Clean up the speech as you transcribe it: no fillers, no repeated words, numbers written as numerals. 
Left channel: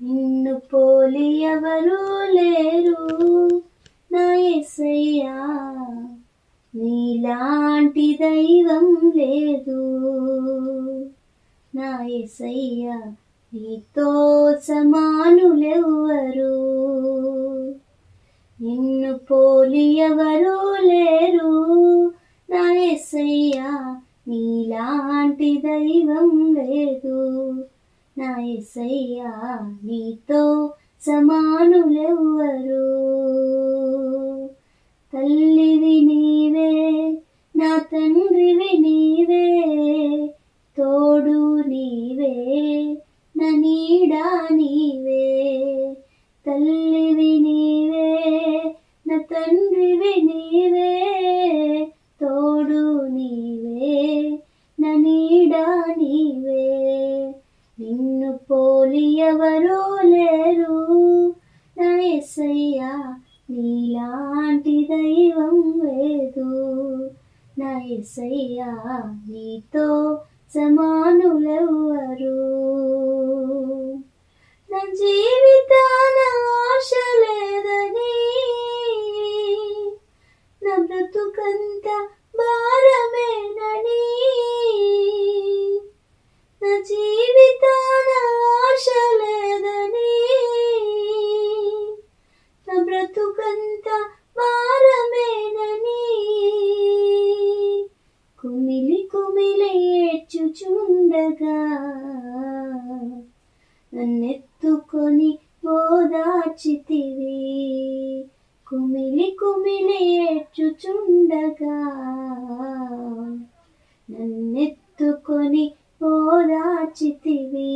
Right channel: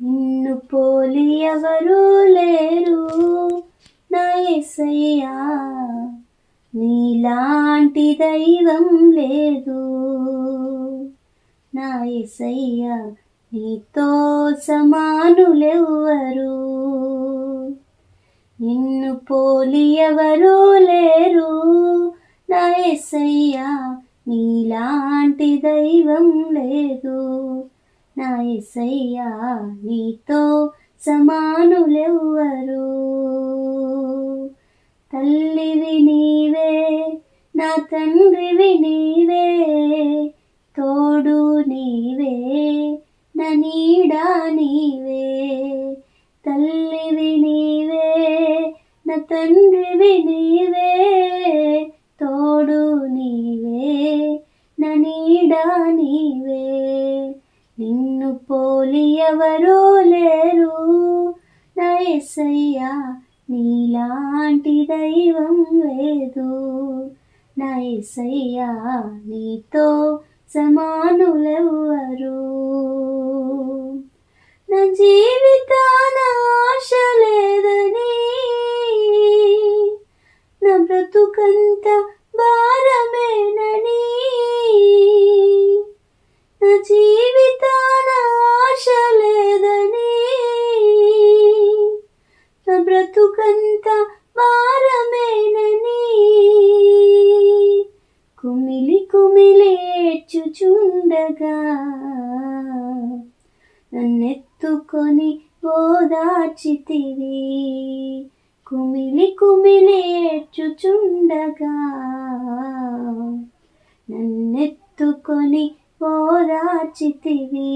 నిన్ను పోలి ఎవరూ లేరు నా యేసయ్యా, నీలాంటి దైవం లేదు నా యేసయ్యా, నీతో సమానులెవ్వరు. నిన్ను పోలి ఎవరూ లేరు నా యేసయ్యా, నీలాంటి దైవం లేదు నా యేసయ్యా, నీతో సమానులెవ్వరు. తల్లివి నీవే, నా తండ్రివి నీవే, తోడు నీవే, నా నీడా నీవే. తల్లివి నీవే, నా తండ్రివి నీవే, తోడు నీవే, నా నీడా నీవే. నిన్ను పోలి ఎవరూ లేరు నా యేసయ్యా, నీలాంటి దైవం లేదు నా యేసయ్యా, నీతో సమానులెవ్వరు. నా జీవితాన ఆశ లేదని, నా బ్రతుకంత భారమేనని, నా జీవితాన ఆశ లేదని, నా బ్రతుకంత భారమేనని, కుమిలి కుమిలి ఏడ్చుచుండగా నన్నెత్తుకొని ఓదార్చితివి. కుమిలి కుమిలి ఏడ్చుచుండగా నన్నెత్తుకొని ఓదార్చితివి.